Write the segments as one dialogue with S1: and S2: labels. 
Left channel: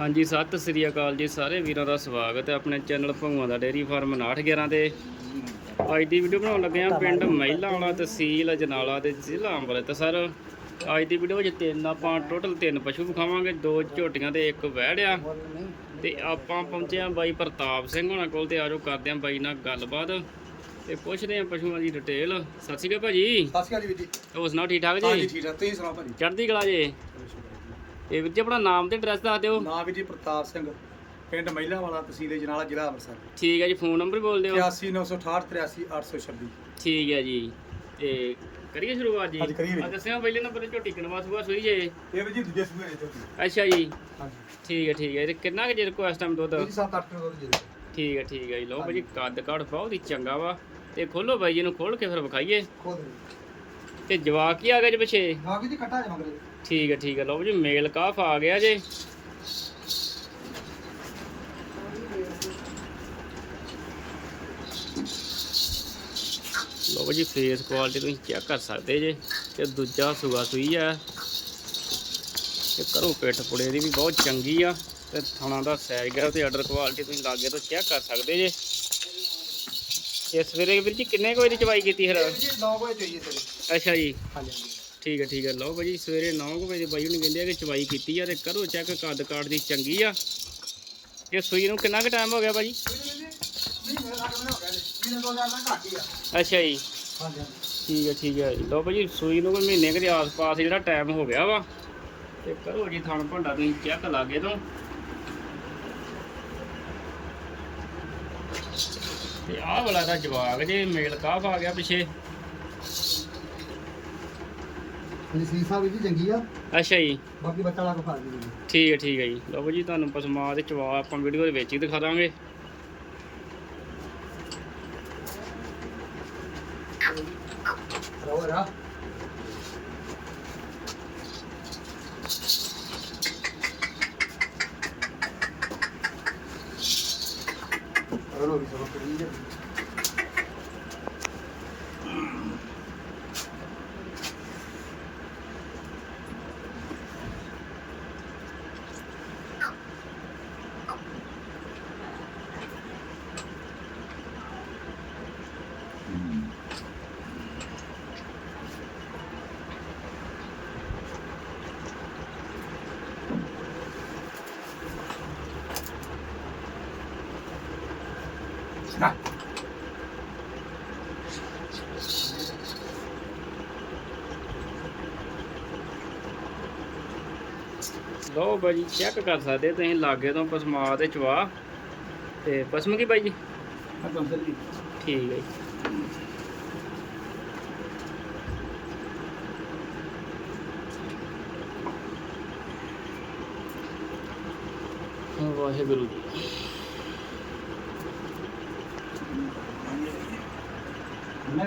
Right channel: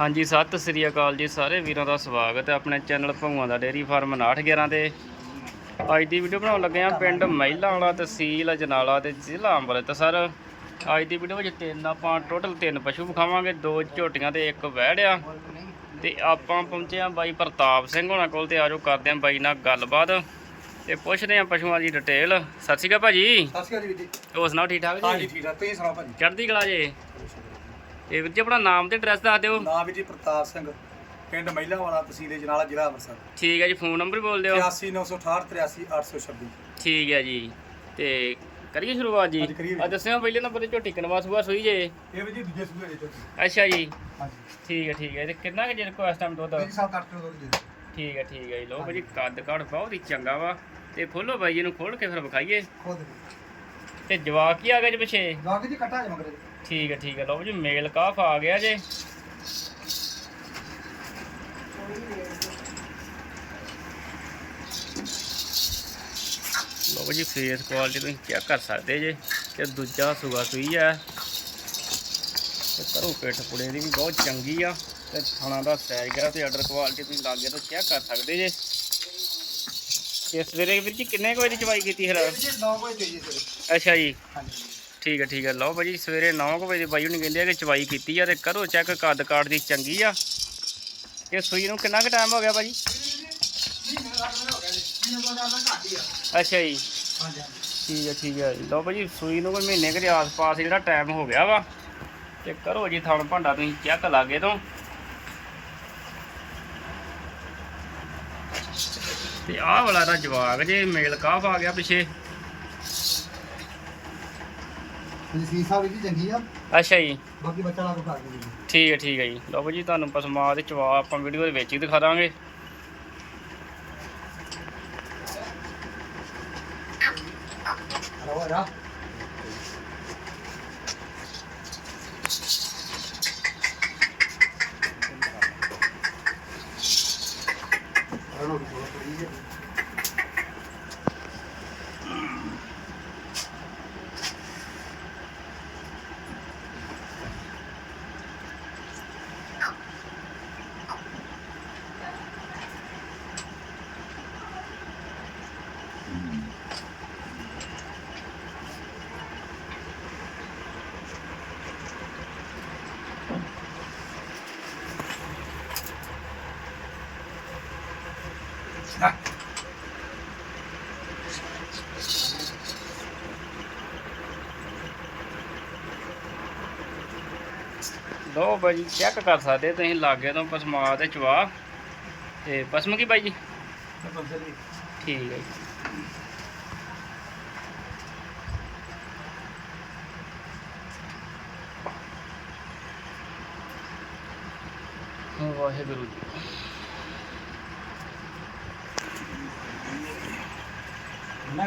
S1: ਹਾਂਜੀ ਸਤਿ ਸ੍ਰੀ ਅਕਾਲ ਜੀ ਸਾਰੇ ਵੀਰਾਂ ਦਾ ਸਵਾਗਤ ਹੈ ਆਪਣੇ ਚੈਨਲ ਭੰਗੂਆਂ ਦਾ ਡੇਰੀ ਫਾਰਮ 911 ਤੇ। ਅੱਜ ਦੀ ਵੀਡੀਓ ਬਣਾਉਣ ਲੱਗੇ ਆ ਪਿੰਡ ਮਹਿਲਾ ਵਾਲਾ ਤਹਿਸੀਲ ਅਜਨਾਲਾ ਤੇ ਜ਼ਿਲ੍ਹਾ ਅੰਬਰਸਰ ਤੇ ਸਰ ਅੱਜ ਦੀ ਵੀਡੀਓ ਵਿੱਚ ਤਿੰਨ ਆਪਾਂ ਟੋਟਲ ਤਿੰਨ ਪਸ਼ੂ ਵਿਖਾਵਾਂਗੇ ਦੋ ਝੋਟੀਆਂ ਤੇ ਇੱਕ ਵਹਿੜ ਆ ਤੇ ਆਪਾਂ ਪਹੁੰਚੇ ਆ ਬਾਈ ਪ੍ਰਤਾਪ ਸਿੰਘ ਹੋਣਾ ਕੋਲ ਤੇ ਆਜੋ ਕਰਦੇ ਆ ਬਾਈ ਨਾਲ ਗੱਲਬਾਤ। ਤੇ ਪੁੱਛਦੇ ਆ ਪਸ਼ੂਆਂ ਦੀ ਡਿਟੇਲ ਸਤਿ ਸ਼੍ਰੀ ਅਕਾਲ ਭਾਜੀ।
S2: ਸਤਿ ਸ਼੍ਰੀ ਅਕਾਲ ਜੀ ਜੀ।
S1: ਹੋਰ ਸੁਣਾਓ ਠੀਕ ਠਾਕ
S2: ਹਾਂਜੀ
S1: ਜੀ
S2: ਠੀਕ ਠਾਕ। ਤੁਸੀਂ ਸੁਣਾਓ ਭਾਜੀ?
S1: ਚੜ੍ਹਦੀ ਕਲਾ ਜੀ? ਤੇ ਵੀਰ ਜੀ ਆਪਣਾ ਨਾਮ ਤੇ ਐਡਰੈਸ ਦੱਸ ਦਿਓ।
S2: ਨਾਮ ਵੀਰ ਜੀ ਪ੍ਰਤਾਪ ਸਿੰਘ ਪਿੰਡ ਮਹਿਲਾ ਵਾਲਾ ਤਹਿਸੀਲ ਜਨਾਲਾ ਜ਼ਿਲ੍ਹਾ ਅੰਮ੍ਰਿਤਸਰ।
S1: ਠੀਕ ਹੈ ਜੀ ਫੋਨ ਨੰਬਰ ਬੋਲ ਦਿਓ।
S2: 8968 83826
S1: ਠੀਕ ਹੈ ਜੀ ਤੇ ਕਰੀਏ ਸ਼ੁਰੂਆਤ ਜੀ?
S2: ਜੀ।
S1: ਆ ਦੱਸਿਓ ਪਹਿਲੇ ਨੰਬਰ ਤੇ ਝੋਟੀ ਕਨਵਾ ਸੂਆ ਸੂਈ ਜੇ।
S2: ਇਹ ਵੀਰ ਜੀ ਦੂਜੇ ਸੂਏ ਦੇ ਚੋਕੀ
S1: ਅੱਛਾ ਜੀ।
S2: ਹਾਂਜੀ।
S1: ਠੀਕ ਹੈ ਠੀਕ ਹੈ ਤੇ ਕਿੰਨਾ ਕੁ ਚਿਰ ਕੋ ਇਸ ਟਾਈਮ ਦੁੱਧ?
S2: ਜੀ 7-8 ਕਿਲੋ ਦੁੱਧ ਦੇ ਦਿਓ।
S1: ਠੀਕ ਹੈ ਠੀਕ ਹੈ ਜੀ ਲਓ ਭਾਜੀ ਕੱਦ ਕਾਠ ਬਹੁਤ ਹੀ ਚੰਗਾ ਵਾ। ਤੇ ਖੋਲੋ ਬਾਈ ਜੀ ਨੂੰ ਖੋਲ ਕੇ ਫਿਰ ਵਿਖਾਈਏ।
S2: ਖੋਲ ਦੇ।
S1: ਤੇ ਜਵਾਕ ਹੀ ਆ ਗਿਆ ਜੀ ਪਿੱਛੇ।
S2: ਜਵਾਕ ਜੀ ਕੱਟਾ ਜੇ ਮਗਰੇ।
S1: ਠੀਕ ਹੈ ਠੀਕ ਹੈ। ਲਓ ਜੀ ਮੇਲ ਕਾਫ ਆ ਗਿਆ ਜੇ। ਲਓ ਜੀ ਫੇਸ ਕੁਆਲਿਟੀ ਤੁਸੀਂ ਚੈੱਕ ਕਰ ਸਕਦੇ ਜੇ ਤੇ ਦੂਜਾ ਸੂਆ ਸੂਈ ਹੈ ਤੇ ਕਰੋ ਪਿੱਠ ਪੁੜੇ ਦੀ ਵੀ ਬਹੁਤ ਚੰਗੀ ਆ। ਤੇ ਥਣਾ ਦਾ ਸਾਈਜ਼ ਗਿਆ ਤੇ ਆਰਡਰ ਕੁਆਲਿਟੀ ਤੁਸੀਂ ਲਾਗੇ ਤੋਂ ਚੈੱਕ ਕਰ ਸਕਦੇ ਜੇ। ਇਹ ਸਵੇਰੇ ਵੀਰ ਜੀ ਕਿੰਨੇ ਕੁ ਵਜੇ ਦੀ ਚਵਾਈ ਕੀਤੀ ਫਿਰ?
S2: ਵੀਰ ਜੀ 9 ਵਜੇ ਚਾਹੀਏ ਸਵੇਰੇ।
S1: ਅੱਛਾ ਜੀ।
S2: ਹਾਂਜੀ।
S1: ਠੀਕ ਹੈ ਠੀਕ ਹੈ। ਲਓ ਭਾਜੀ, ਸਵੇਰੇ 9 ਵਜੇ ਬਾਈ ਹੁਣੀ ਕਹਿੰਦੇ ਆ ਕਿ ਚਵਾਈ ਕੀਤੀ ਆ ਤੇ ਕਰੋ ਚੈੱਕ, ਕੱਦ ਕਾਠ ਦੀ ਚੰਗੀ ਆ। ਇਹ ਸੂਈ ਨੂੰ ਕਿੰਨਾ ਕੁ ਟਾਈਮ ਹੋ ਗਿਆ ਭਾਜੀ?
S2: ਜੀ
S1: ਅੱਛਾ ਜੀ। ਠੀਕ ਹੈ ਠੀਕ ਹੈ। ਲਓ ਭਾਜੀ, ਸੂਈ ਨੂੰ ਕੋਈ ਮਹੀਨੇ ਕੁ ਦੇ ਆਸ-ਪਾਸ ਜਿਹੜਾ ਟਾਈਮ ਹੋ ਗਿਆ ਵਾ। ਤੇ ਕਰੋ ਜੀ ਥਣ ਭਾਂਡਾ, ਤੁਸੀਂ ਚੈੱਕ ਲਾਗੇ ਤੋਂ। ਤੇ ਆਹ ਵਾਲਾ ਦਾ ਜਵਾਗ ਜੇ ਮੇਲ ਕਾਫ ਆ ਗਿਆ ਪਿੱਛੇ।
S2: ਵੀ ਚੰਗੀ ਆ।
S1: ਅੱਛਾ ਜੀ।
S2: ਬਾਕੀ ਬੱਚਾ ਲਾ ਕੇ ਖਾ ਜੀ
S1: ਠੀਕ ਹੈ ਠੀਕ ਹੈ ਜੀ। ਲਓ ਭਾਜੀ ਤੁਹਾਨੂੰ ਪਸਮਾ ਦੇ ਚਵਾ ਆਪਾਂ ਵੀਡੀਓ ਦੇ ਵਿੱਚ ਹੀ ਦਿਖਾ ਦਾਂਗੇ।
S2: ਹੋਰ ਆ। ਨਾ
S1: ਲਓ ਭਾਜੀ ਚੈੱਕ ਕਰ ਸਕਦੇ ਤੁਸੀਂ ਲਾਗੇ ਤੋਂ ਪਸਮਾ ਤੇ ਚਵਾ ਤੇ ਪਸਮ ਕੀ ਬਾਈ ਜੀ? ਠੀਕ ਹੈ ਜੀ। ਵਾਹਿਗੁਰੂ ਜੀ।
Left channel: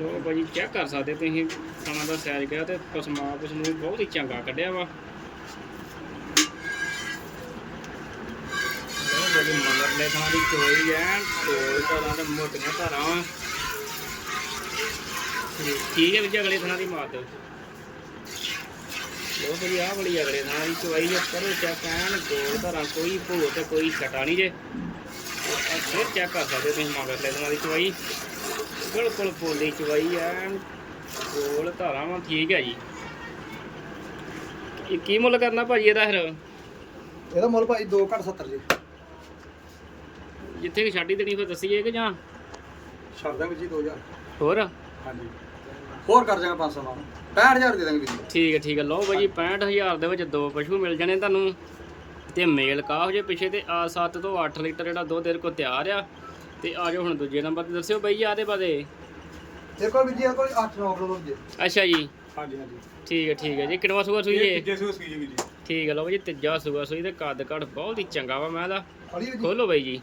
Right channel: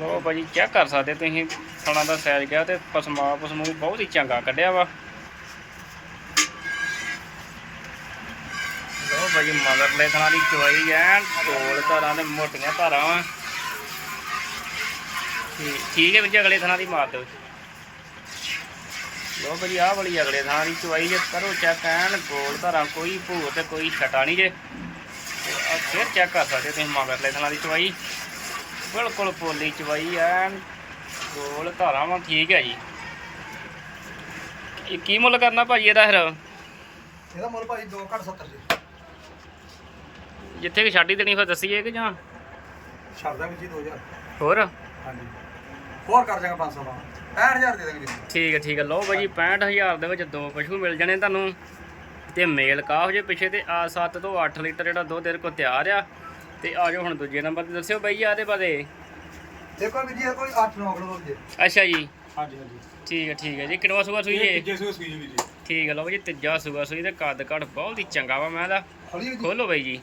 S1: ਲੋ ਭਾਜੀ ਚੈੱਕ ਕਰ ਸਕਦੇ ਤੁਸੀਂ। ਥਣਾ ਦਾ ਸਾਈਜ਼ ਗਿਆ ਤੇ ਪਸਮਾ ਪਸਮੂ ਬਹੁਤ ਹੀ ਚੰਗਾ ਕੱਢਿਆ ਵਾ। ਲੋ ਭਾਜੀ, ਮਗਰਲੇ ਥਣਾ ਦੀ ਚਵਾਈ ਐਨ ਢੋਲ ਧਾਰਾਂ ਤੇ ਮੋਟੀਆਂ ਧਾਰਾਂ ਵਾ। ਠੀਕ ਹੈ ਵੀਰ ਅਗਲੇ ਥਣਾ ਦੀ ਮਾਰ ਦਿਓ। ਲੋ ਭਾਜੀ, ਆਹ ਵਾਲੀ ਅਗਲੇ ਥਾਂ ਦੀ ਚੁਆਈ ਜੇ ਕਰੋ ਚੈੱਕ ਐਨ ਗੋਲ ਧਾਰਾਂ ਕੋਈ ਭੂਤ ਤੇ ਕੋਈ ਛਟਾ ਨਹੀਂ ਜੇ। ਆਹ ਫਿਰ ਚੈੱਕ ਕਰ ਸਕਦੇ ਤੁਸੀਂ, ਮਗਰਲੇ ਥਣਾ ਦੀ ਚੁਆਈ ਬਿਲਕੁਲ ਪੋਲੀ ਚਵਾਈ ਐਨ ਗੋਲ ਧਾਰਾਂ ਵਾਂ ਠੀਕ ਹੈ ਜੀ। ਇਹ ਕੀ ਮੁੱਲ ਕਰਨਾ ਭਾਜੀ ਇਹਦਾ ਫਿਰ?
S2: ਇਹਦਾ ਮੁੱਲ ਭਾਈ 2 ਘੱਟ 70 ਜੀ।
S1: ਜਿੱਥੇ ਕਿ ਛਾਡੀ ਦੇਣੀ ਫਿਰ ਦੱਸੀਏ ਕਿ ਜਾਂ?
S2: ਛੱਡ ਦਾਂਗੇ ਜੀ 2000
S1: ਹੋਰ?
S2: ਹਾਂਜੀ। ਹੋਰ ਕਰ ਜਾਗਾ 500 ਨਾਲ। 65000 ਦੇ ਦਾਂਗੇ ਵੀਰ ਜੀ।
S1: ਠੀਕ ਹੈ ਠੀਕ ਹੈ। ਲਓ ਭਾਜੀ 65000 ਦੇ ਵਿੱਚ ਦੋ ਪਸ਼ੂ ਮਿਲ ਜਾਣੇ ਤੁਹਾਨੂੰ। ਤੇ ਮੇਲ ਕਾਫ ਜੇ ਪਿੱਛੇ ਤੇ ਆ 7 ਤੋਂ 8 ਲੀਟਰ ਜਿਹੜਾ ਦੁੱਧ ਇਹਦੇ ਕੋਲ ਤਿਆਰ ਆ। ਤੇ ਆ ਜਾਓ ਹੁਣ ਦੂਜੇ ਨੰਬਰ ਤੇ। ਦੱਸਿਓ ਬਾਈ ਆਦੇ ਬਾਰੇ
S2: ਦੇਖੋ ਵੀਰ ਜੀ ਇਹ ਕੋਈ 8 9 ਕਿਲੋ ਜੇ।
S1: ਅੱਛਾ ਜੀ।
S2: ਹਾਂਜੀ ਹਾਂਜੀ।
S1: ਠੀਕ ਹੈ ਠੀਕ ਹੈ ਜੀ। ਕਿੰਨਵਾ ਸੂਆ ਸੂਈ ਜੇ
S2: ਜੇ ਸੂ ਸੂਈ ਜੀ ਵੀਰ ਜੀ।
S1: ਠੀਕ ਹੈ ਲਓ ਬਾਈ ਜੀ ਤੀਜਾ ਸੂਆ ਸੂਈ ਤੇ ਕੱਦ ਕੱਟ ਬਹੁਤ ਹੀ ਚੰਗਾ ਵਾ ਮੈਂ ਦਾ
S2: ਜੀ।
S1: ਖੋਲੋ ਬਾਈ ਜੀ।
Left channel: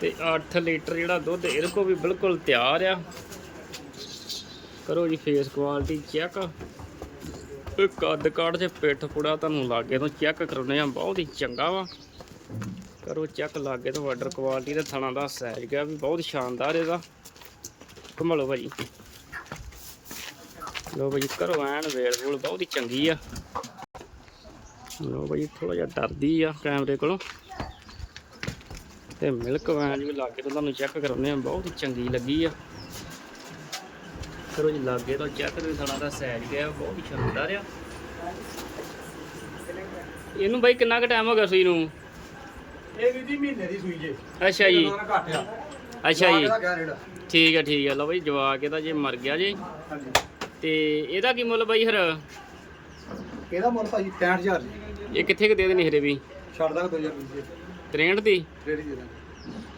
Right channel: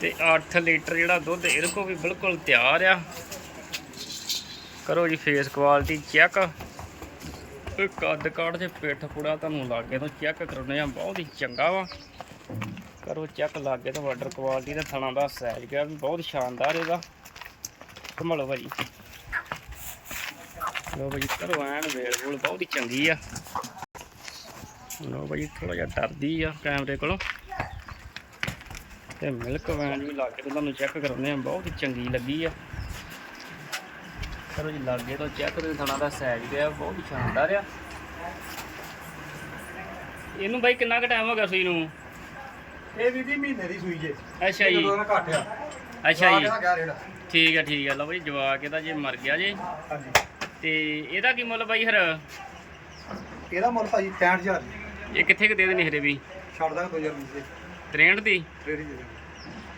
S1: ਤੇ 8 ਲੀਟਰ ਜਿਹੜਾ ਦੁੱਧ ਇਹਦੇ ਕੋ ਵੀ ਬਿਲਕੁਲ ਤਿਆਰ ਆ। ਕਰੋ ਜੀ ਫੇਸ ਕੁਆਲਿਟੀ ਚੈੱਕ ਇਹ ਕੱਦ ਕਾਠ ਤੇ ਪਿੱਠ ਪੁੜਾ ਤੁਹਾਨੂੰ ਲਾਗੇ ਤੋਂ ਚੈੱਕ ਕਰਾਉਨੇ ਆ ਬਹੁਤ ਹੀ ਚੰਗਾ ਵਾ। ਕਰੋ ਚੈੱਕ ਲਾਗੇ ਤੋਂ ਵਾਟਰ ਕੁਆਲਿਟੀ ਦਾ ਥਣਾ ਦਾ ਸਾਈਜ਼ ਗਿਆ ਵੀ ਬਹੁਤ ਸ਼ਾਨਦਾਰ ਇਹਦਾ। ਘੁੰਮਲੋ ਭਾਜੀ। ਲੋ ਭਾਜੀ ਕਰੋ ਐਨ ਵੇਲ ਵੂਲ ਬਹੁਤ ਹੀ ਚੰਗੀ ਆ। ਲੋ ਭਾਜੀ ਥੋੜਾ ਜਿਹਾ ਡਰਦੀ ਆ ਕੈਮਰੇ ਕੋਲੋਂ। ਤੇ ਮਿਲਕ ਵੈਨ ਵੀ ਲਾਗੇ ਤੋਂ ਤੁਹਾਨੂੰ ਚੈੱਕ ਕਰਾਉਂਦੇ ਆ, ਬਹੁਤ ਹੀ ਚੰਗੀ ਲੱਗੀ ਆ। ਕਰੋ ਜੀ ਲਾਗੇ ਤੋਂ ਚੈੱਕ ਤੇ ਥਣਾ ਦਾ ਸਾਈਜ਼ ਗਿਆ, ਬਹੁਤ ਹੀ ਸ਼ਾਨਦਾਰ ਆ। ਇਹਨੂੰ ਬਾਈ ਕਿੰਨਾ ਕੁ ਟਾਈਮ ਹੋ ਗਿਆ ਸੂਈ ਨੂੰ?
S2: ਇਹ ਵੀ ਜੀ ਮਹੀਨੇ ਦੀ ਸੂਈ ਜੇ।
S1: ਅੱਛਾ ਜੀ।
S2: ਇਹਦਾ ਘੱਟ ਆ।
S1: ਅੱਛਾ ਜੀ।
S2: ਇਹਦਾ ਕਿਆ ਰੇਟ ਆ?
S1: ਠੀਕ ਹੈ ਠੀਕ ਹੈ ਲਓ ਬਾਈ ਜਵਾਕ ਇਹਦਾ ਜੇ ਮਰ ਗਿਆ ਜੇ।
S2: ਹਾਂਜੀ।
S1: ਤੇ ਇਹਦਾ ਕੀ ਮੁੱਲ ਬਾਈ ਹਰ
S2: ਇਹਦਾ ਮੁੱਲ ਭਾਜੀ 65000 ਜੀ।
S1: ਇਹ ਕਿੱਥੇ ਕੁ ਦੇ ਦੇਣੀ ਹਰੇ ਵੀ?
S2: ਛੱਡ ਦਾਂਗੇ 2000 ਰੁਪਏ ਦੇ।
S1: 63 ਦੀ?
S2: ਦੇ ਦਾਂਗੇ।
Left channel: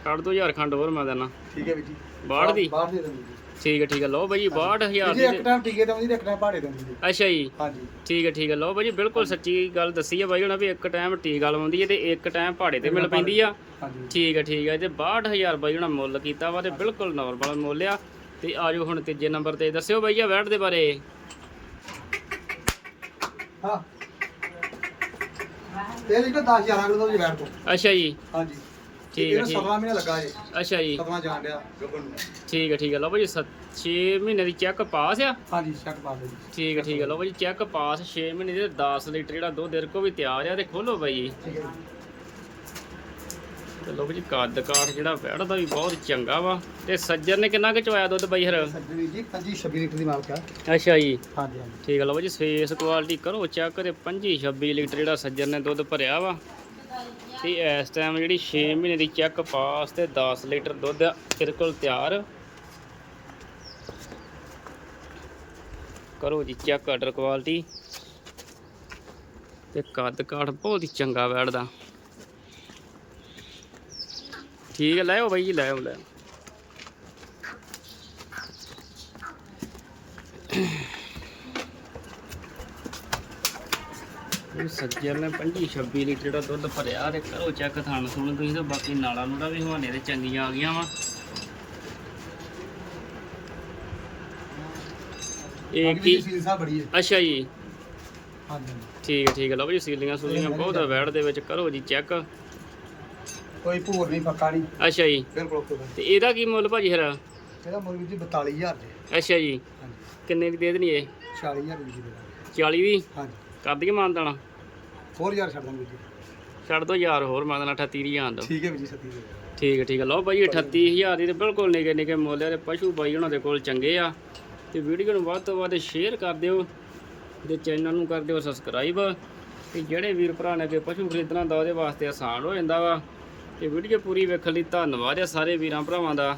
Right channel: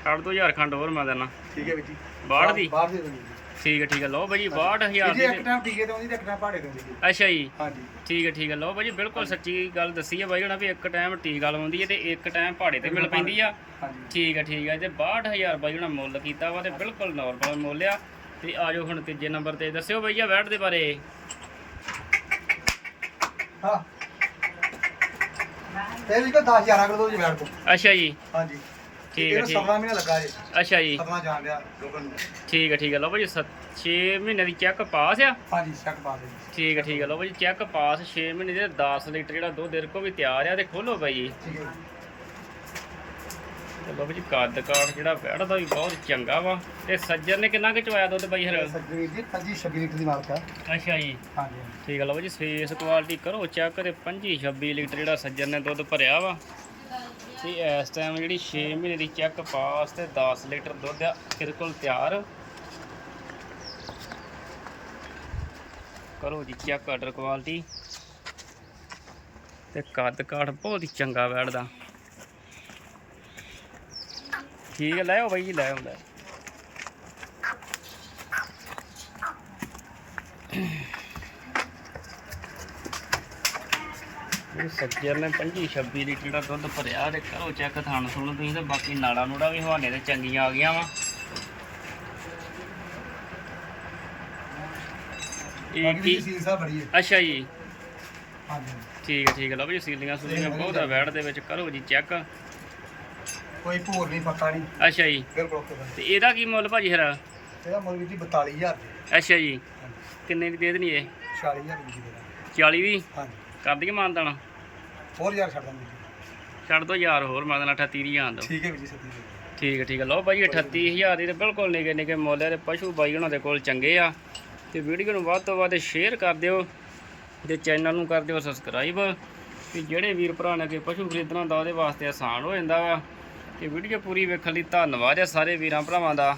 S1: ਛੱਡ 2000 ਖੰਡ ਹੋਰ ਮੈਂ ਦੇਣਾ।
S2: ਠੀਕ ਹੈ ਵੀ ਜੀ।
S1: 62 ਦੀ?
S2: ਬਾਹਰ ਦੇ ਦਾਂਗੇ ਜੀ।
S1: ਠੀਕ ਹੈ ਠੀਕ ਹੈ ਲਓ ਬਾਈ 62000
S2: ਜੀ
S1: ਦੀ
S2: ਇੱਕ
S1: ਤੇ-
S2: ਟਾਈਮ ਟੀਕੇ ਦਵਾਂਗੇ ਤੇ ਇੱਕ ਟਾਈਮ ਭਾੜੇ ਦਵਾਂਗੇ ਜੀ
S1: ਅੱਛਾ ਜੀ।
S2: ਹਾਂਜੀ।
S1: ਠੀਕ ਹੈ ਠੀਕ ਹੈ ਲਓ ਬਾਈ ਬਿਲਕੁਲ ਸੱਚੀ ਗੱਲ ਦੱਸੀ ਹੈ ਬਾਈ ਹੁਣ ਵੀ ਇੱਕ ਟਾਈਮ ਟੀਕਾ ਲਵਾਉਂਦੀ ਹੈ ਤੇ ਇੱਕ ਟਾਈਮ ਪਹਾੜੇ ਤੇ ਮਿਲ ਪੈਂਦੀ ਆ।
S2: ਹਾਂਜੀ।
S1: ਠੀਕ ਹੈ ਠੀਕ ਹੈ ਤੇ 62000 ਬਾਈ ਹੁਣ ਮੁੱਲ ਕੀਤਾ ਵਾ ਤੇ ਬਿਲਕੁਲ ਨਾਰਮਲ ਮੁੱਲ ਆ। ਤੇ ਆਜੋ ਹੁਣ ਤੀਜੇ ਨੰਬਰ ਤੇ ਦੱਸਿਓ ਬਈਆ ਵੈਟ ਦੇ ਬਾਰੇ।
S2: ਹਾਂ। ਇਹ ਲਿਖੋ 10000 ਅਗਰ ਦੋ ਜੀ ਬੈਠ ਕੋ
S1: ਅੱਛਾ ਜੀ।
S2: ਹਾਂਜੀ।
S1: ਠੀਕ ਹੈ ਠੀਕ।
S2: ਸਤਵਾਂ ਮਹੀਨੇ ਲੱਗਾ ਜੇ।
S1: ਅੱਛਾ ਜੀ।
S2: ਸਤਵਾਂ ਜਾਣ ਲਿਆ ਗੱਬਨ ਨੂੰ।
S1: ਠੀਕ ਹੈ ਠੀਕ ਹੈ ਲਓ ਭਾਜੀ 6 ਮਹੀਨੇ ਦੀ ਚੈੱਕ ਪਾਸ ਆ।
S2: ਹਾਂਜੀ ਸ਼ੱਕ ਪਾ ਦੇ ਜੀ।
S1: ਠੀਕ ਹੈ ਠੀਕ ਹੈ ਲਓ ਭਾਜੀ ਚੈੱਕ ਪਾਸ 6 ਮਹੀਨੇ ਦੇ 10 ਲੀਟਰ ਜਿਹੜਾ ਦੁੱਧ ਇਹਦੇ ਕੋਲ ਵੀ ਤਿਆਰ ਆ ਤੇ ਖੋਲੋ ਬਾਈ ਜੀ। ਤੇ ਲਓ ਭਾਜੀ ਕੱਦ ਕਾਠ ਜਿਹੜਾ ਵੈੜਦਾ ਵੀ ਬਹੁਤ ਚੰਗਾ ਵਾ। ਤੇ ਸੱਜਰ ਨੇ ਕਿੰਨਾ ਕੁ ਚਵਾਇਆ ਦੁੱਧ ਬਾਈ ਹਰ?
S2: ਸੱਜਣੀ ਜੀ 25 26 ਲੀਟਰ ਦੀ ਮਾਲਕ ਆ।
S1: ਅੱਛਾ ਜੀ।
S2: ਹਾਂਜੀ
S1: ਠੀਕ ਹੈ ਲਓ ਭਾਜੀ ਫੇਸ ਕੁਆਲਿਟੀ ਕਰੋ ਚੈੱਕ ਤੇ 25 26 ਲੀਟਰ ਜਿਹੜਾ ਸੱਜਰ ਨੇ ਦੁੱਧ ਭਰਿਆ ਵਾ। ਤੇ ਇਸ ਟਾਈਮ ਜਿਹੜੀ 6 ਮਹੀਨੇ ਦੀ ਚੈੱਕ ਪਾਸ ਤੇ 10 ਲੀਟਰ ਦੁੱਧ ਇਹਦੇ ਕੋਲ ਤਿਆਰ। ਕਰੋ ਜੀ ਚੈੱਕ ਆਰਡਰ ਕੁਆਲਿਟੀ ਤੇ ਕੱਦ ਕਾਠ ਬਹੁਤ ਹੀ ਚੰਗਾ ਬੈਠਦਾ। ਠੀਕ ਹੈ, ਲੈ ਬਾਈ ਜੀ, ਲੈ ਲੈ ਇਹ ਸੱਜਰ ਨੇ 25 26 ਲੀਟਰ ਜਿਹੜਾ ਦੁੱਧ ਭਰਿਆ ਤੇ ਕਰੋ ਚੈੱਕ ਥਣ ਸੁਣ ਤੁਸੀਂ ਤੇ ਬਾਕੀ ਨਾੜਾ ਨੂੜਾ ਵੀ ਹਵਾਨੇ ਤੇ ਚੰਗੀਆਂ ਆ ਗਈਆਂ ਵਾ। ਇਹ ਕੀ?
S2: ਦੀ ਸੀਲ ਬੜੀ ਹੈ।
S1: ਅੱਛਾ ਜੀ।
S2: ਹਾਂਜੀ
S1: ਠੀਕ ਹੈ ਠੀਕ ਹੈ। ਲਓ ਜੀ ਸੀਲੀਆਂ ਸੂਲੀਆਂ ਬਹੁਤ ਆ ਵੈੜ ਦੇ ਵਿੱਚ ਕਰੋ ਜੀ ਚੈੱਕ
S2: ਕੋਈ ਭੂਰ ਨਹੀਂ ਪੱਕਾ ਨਹੀਂ।
S1: ਅੱਛਾ ਜੀ।
S2: ਬਿਲਕੁਲ ਓਕੇ ਦਾ
S1: ਤੇ ਇਹਦਾ ਕੀ ਮੁੱਲ ਭਾਜੀ ਹਰਾ
S2: ਇਹਦਾ ਮੁੱਲ ਵੀ ਜੀ 42000 ਜੀ।
S1: ਅੱਛਾ ਜੀ। ਕਿੰਨੇ ਦੀ ਦੇ ਦੇਣੀ ਇਹ?
S2: 40000 ਦੀ ਦੇ ਦਾਂਗੇ
S1: 40 ਦੀ?
S2: ਹਾਂਜੀ।
S1: ਕਰ ਦਈਏ ਮਾਨਦਾਣਾ
S2: 4000 ਛੱਡ ਦਾਂਗੇ
S1: ਛੱਡ ਦੋ ਯਾਰ ਹੋਰ ਮਾਨਦਾਣਾ 38 ਦੀ ਆਂਦ
S2: ਠੀਕ ਹੈ ਵੀ ਜੀ ਸੱਤੀ ਦੇ
S1: ਠੀਕ ਹੈ ਠੀਕ ਹੈ। ਲਓ ਭਾਈ 38000 ਦੀ ਤੇ ਬਿਲਕੁਲ ਨਿੱਕੇ ਨਿੱਕੇ ਮੁੱਲ ਤੇ ਪਸ਼ੂ ਬਾਈ ਉਹਨਾਂ ਦੇ ਕੋਲ ਚੰਗੇ ਆ। ਤੇ ਵੀਡੀਓ ਨੂੰ ਵੱਧ ਤੋਂ ਵੱਧ ਸ਼ੇਅਰ ਕਰ ਦਿਓ ਤੇ ਚੈਨਲ ਨੂੰ ਕਰ ਦਿਓ ਸਬਸਕ੍ਰਾਈਬ ਤੇ ਜਿਹੜੇ ਵੀਰ ਭਰਾ ਨੇ ਅੱਗੇ ਪਸ਼ੂ ਖਰੀਦਣਾ ਹੁੰਦਾ ਉਹਦੇ ਵਾਸਤੇ ਆਸਾਨ ਹੋ ਜਾਂਦਾ ਵਾ। ਤੇ ਵੀਡੀਓ ਪੂਰੀ ਵੇਖਣ ਲਈ ਧੰਨਵਾਦ ਆ ਸਾਰੇ ਵੀਰਾਂ ਭਰਾਵਾਂ ਦਾ।